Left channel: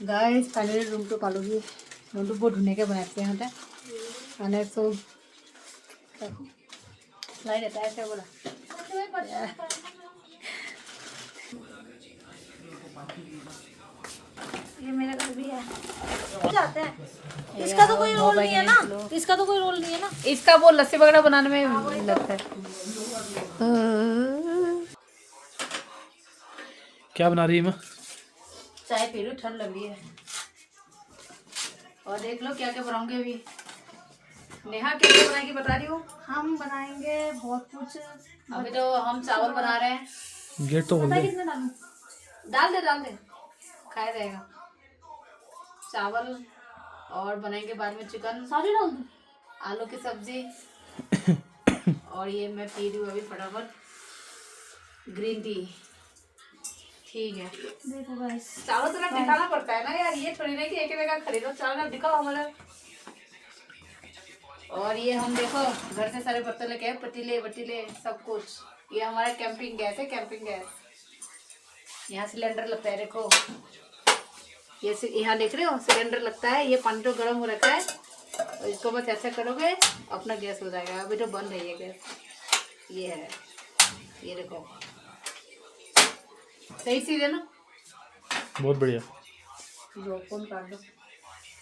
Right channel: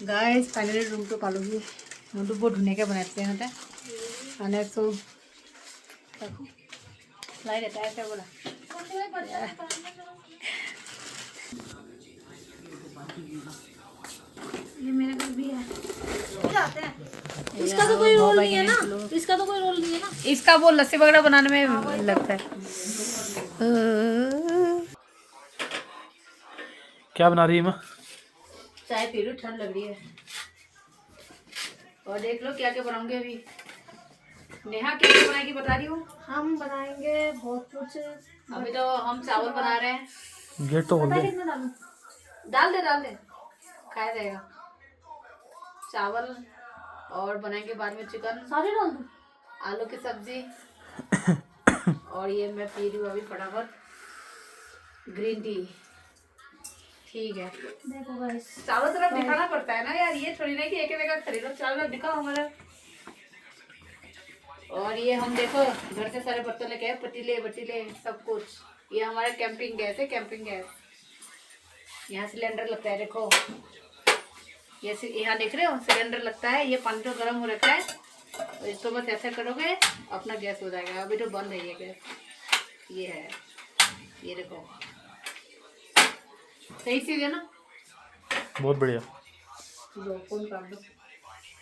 Guys finally ৰুমটো পালোহি। ৰুমটো বৰ ধুনীয়াকৈ বনাইছে সিহঁতে। মানে চব লাইট এটাই আছে বোলা। ये मेरा घर भी है। इसका तो कोई रोल नहीं है ना। इसका तो कोई रोल नहीं है ना। इसका वो लस्सी वगैरह बनाने में लगता है। क्या बना रही है माँ? चाय पी लो, ठंड लग रही है। और देख लो क्या क्या बनाऊंगी अभी। नेहा क्या क्या बनाएगी बता रही हूँ। हम बनाएंगे बहुत कुछ। अभी तो हम चावल बना रहे हैं। गेट तो खोल दे। कितना डालूं? डाल दे खाया जाएगा। चावल और बनाएंगे बाद में चिकन। सारे डाल दूं? आलू की सब्जी। और ये मैं पी रही हूँ अभी फटाफट ग्रीन टी। ठीक है देखो गाइस, चारों तरफ दिखाना पड़ता है ना यार। ये थोड़ी ना कि एक जगह खरीदो, चारों तरफ दिखाओ हमारा। और ये हम देखो घर से सारे बर्तन लेके आए, पतीले बटीले सब कुछ। ये हमारा कैंपिंग गैस है, कैंपिंग गैस। यहाँ सिलेंडर लगता है देखो। ये यहाँ देख रहे हो सिलेंडर लगता है। ये पानी तो गर्म हो रखा है और इसको बस ऐसा करोगे अपना गैस हो जाएगा। अभी तो बंद है ये गैस। ये है, ये देखो सही चीज है ना। बहुत बढ़िया। जो फोन काट दो।